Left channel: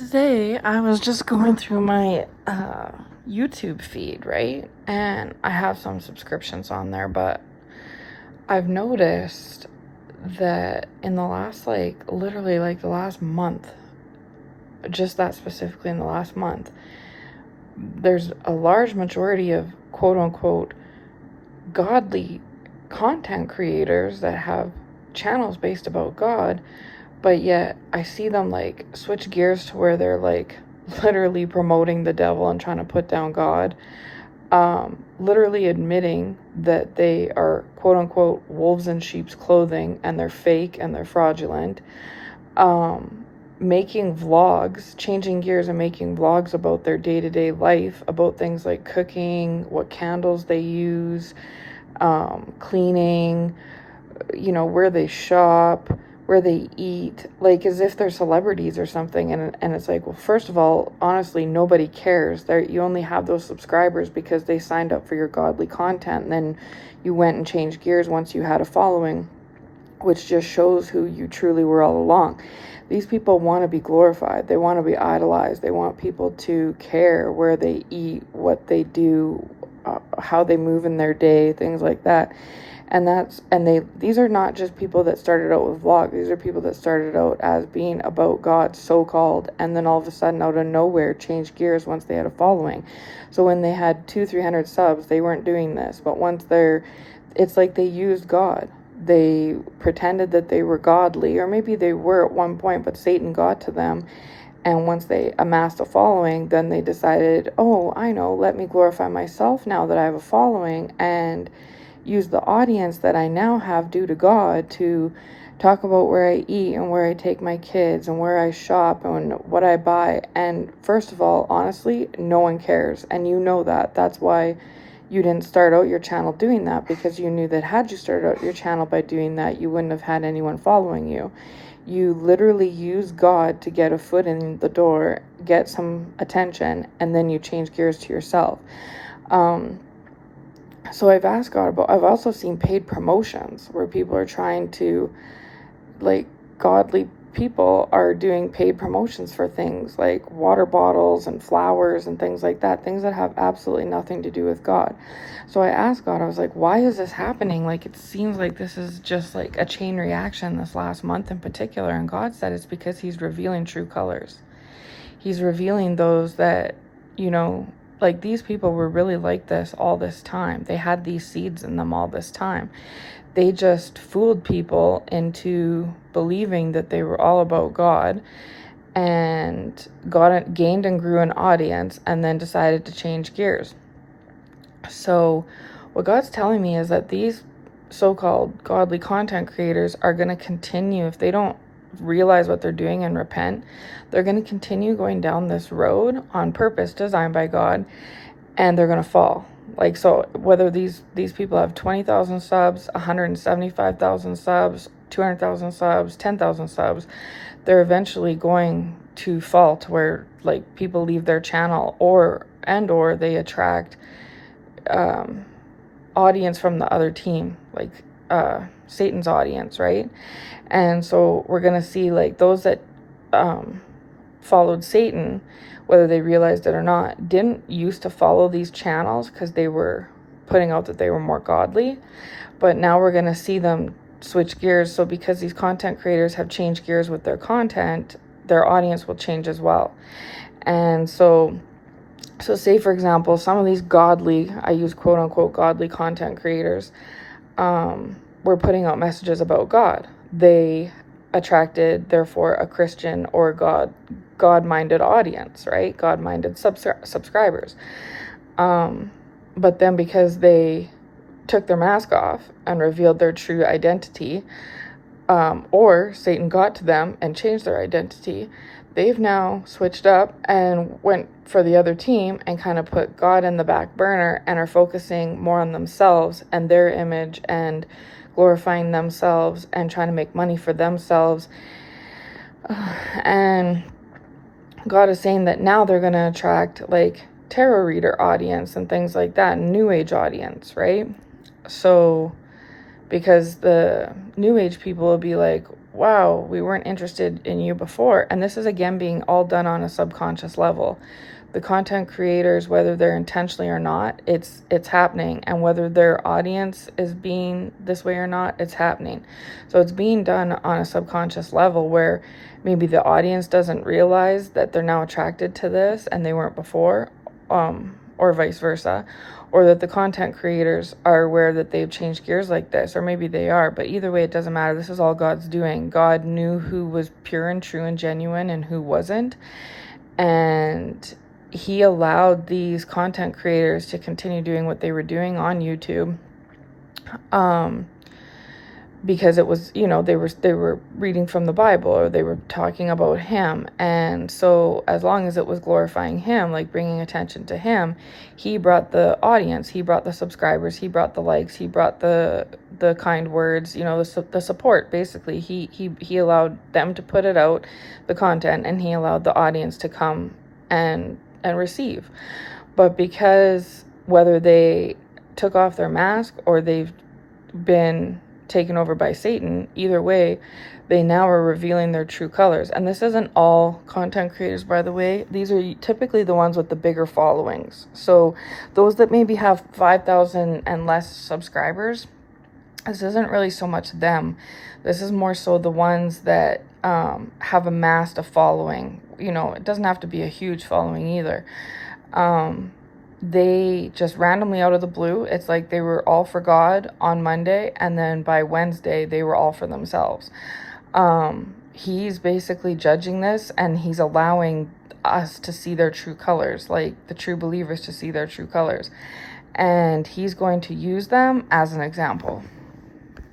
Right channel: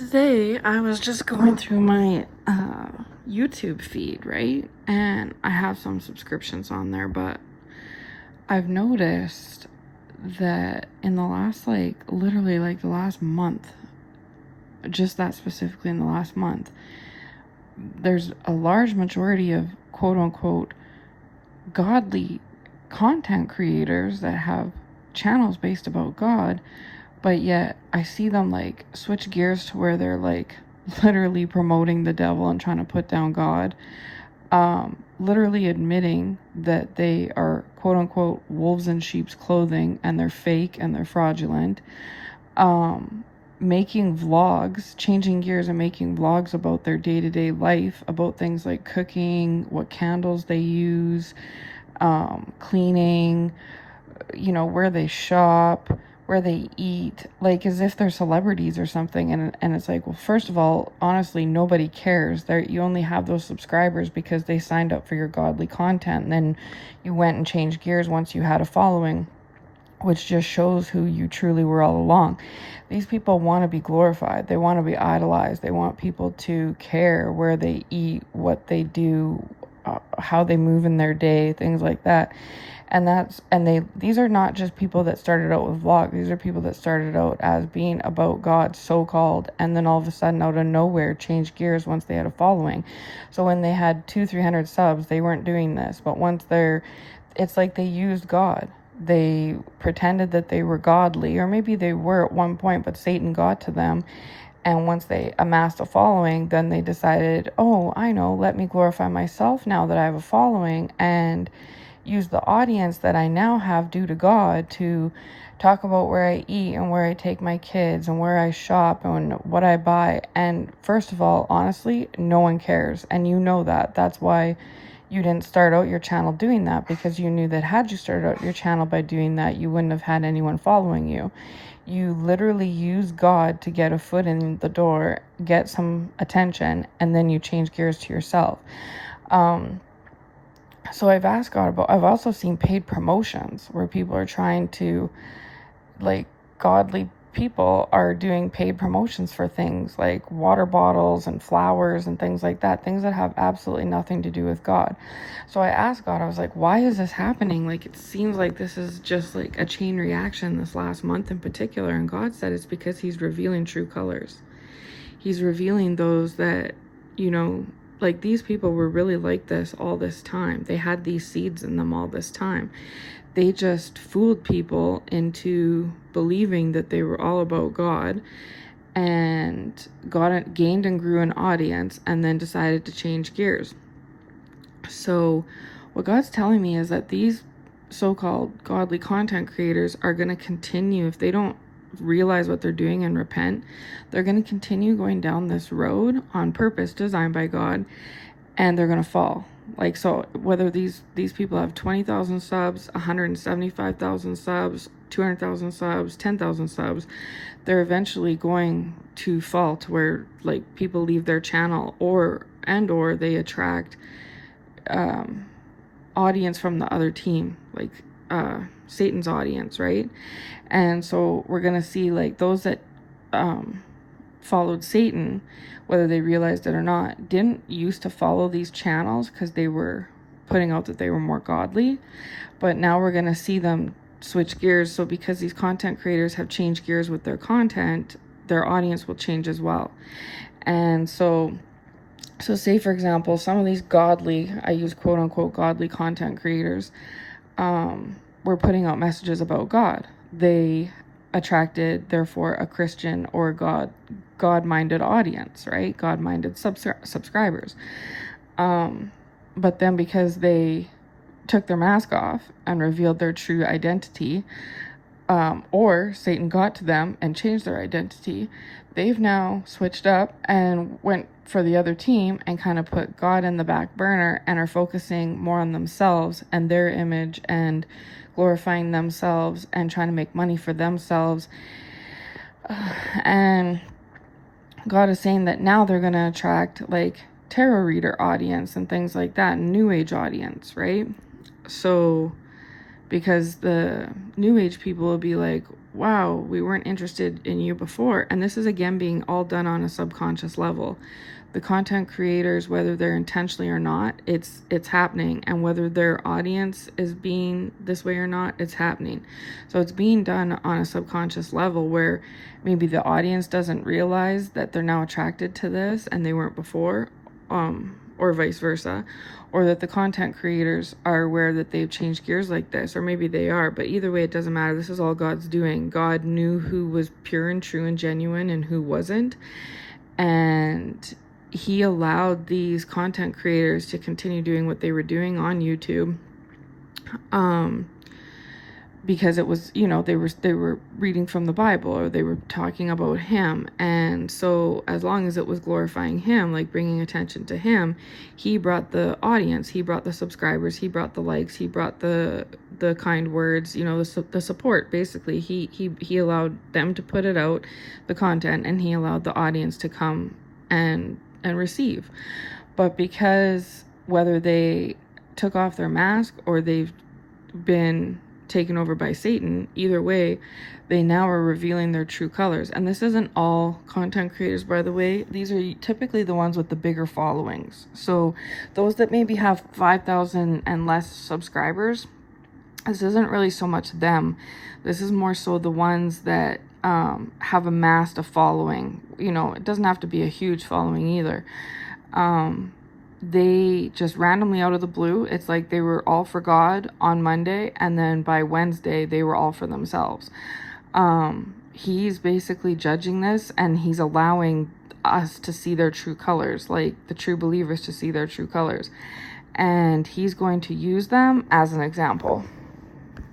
Today, I was just going through my YouTube feed, right? And I have some subscriptions on there, but I've noticed that in the last, literally, the last month, just that specifically in the last month, there's a large majority of quote unquote godly content creators that have channels based about God, but yet I see them switch gears to where they're literally promoting the devil and trying to put down God, literally admitting that they are quote unquote wolves in sheep's clothing and they're fake and they're fraudulent, making vlogs, changing gears and making vlogs about their day-to-day life, about things like cooking, what candles they use, cleaning, where they shop, where they eat, as if they're celebrities or something. And it's well, first of all, honestly, nobody cares. You only have those subscribers because they signed up for your godly content, and then you went and changed gears once you had a following, which just shows who you truly were all along. These people want to be glorified. They want to be idolized. They want people to care where they eat, what they do, how they move in their day, things like that. These are not just people that started out with vlogs. These are people that started out as being about God, so-called, and then all of a sudden out of nowhere changed gears once they had a following. So when they had 200-300 subs, they weren't doing this. But once it's like they used God. They pretended that they were godly, or maybe they were at one point, but Satan got to them. And once they amassed a following, then they decided, oh, I know, let me glorify myself now that I have a following, and use the audience that I now have due to God to talk about where I eat and where I take my kids and where I shop and what I buy. And first of all, honestly, no one cares. And you know that. That's why you didn't start out your channel doing that, because you knew that had you started out your channel by doing that, you wouldn't have had anyone following you. You literally use God to get a foot in the door, get some attention, and then you change gears to yourself. So I've asked God I've also seen paid promotions where people are trying to, godly people are doing paid promotions for things like water bottles and flowers and things like that, things that have absolutely nothing to do with God. So I asked God, I was like, why is this happening? It seems like this is just a chain reaction this last month in particular. And God said it's because he's revealing true colors. He's revealing those that, these people were really like this all this time. They had these seeds in them all this time. They just fooled people into believing that they were all about God, and gained and grew an audience, and then decided to change gears. So what God's telling me is that these so-called godly content creators are going to continue, if they don't realize what they're doing and repent, they're going to continue going down this road on purpose, designed by God, and they're going to fall. So whether these people have 20,000 subs, 175,000 subs, 200,000 subs, 10,000 subs, they're eventually going to fall to where people leave their channel, or they attract audience from the other team, Satan's audience, right? And so we're gonna see those that followed Satan, whether they realized it or not, didn't used to follow these channels because they were putting out that they were more godly, but now we're gonna see them switch gears. So because these content creators have changed gears with their content, their audience will change as well. And so say for example, some of these godly, I use quote unquote godly content creators, were putting out messages about God. They attracted, therefore, a Christian or God-minded audience, right? God-minded subscribers. But then because they took their mask off and revealed their true identity, or Satan got to them and changed their identity, they've now switched up and went for the other team and kind of put God in the back burner and are focusing more on themselves and their image and glorifying themselves and trying to make money for themselves. And God is saying that now they're going to attract tarot reader audience and things like that, new age audience, right? So because the new age people will be like, wow, we weren't interested in you before. And this is again being all done on a subconscious level. The content creators, whether they're intentionally or not, it's happening. And whether their audience is being this way or not, it's happening. So it's being done on a subconscious level where maybe the audience doesn't realize that they're now attracted to this and they weren't before, or vice versa, or that the content creators are aware that they've changed gears like this, or maybe they are, but either way, it doesn't matter. This is all God's doing. God knew who was pure and true and genuine and who wasn't, and he allowed these content creators to continue doing what they were doing on YouTube, because it was, they were reading from the Bible, or they were talking about him. And so as long as it was glorifying him, like bringing attention to him, he brought the audience, he brought the subscribers, he brought the likes, he brought the kind words, the support. Basically, he allowed them to put it out, the content, and he allowed the audience to come and receive. But because whether they took off their mask or they've been taken over by Satan, either way, they now are revealing their true colors. And this isn't all content creators, by the way. These are typically the ones with the bigger followings. So those that maybe have 5,000 and less subscribers, this isn't really so much them. This is more so the ones that have amassed a following. It doesn't have to be a huge following either. They just randomly out of the blue, it's like they were all for God on Monday, and then by Wednesday they were all for themselves. He's basically judging this, and he's allowing us to see their true colors, like the true believers to see their true colors, and he's going to use them as an example.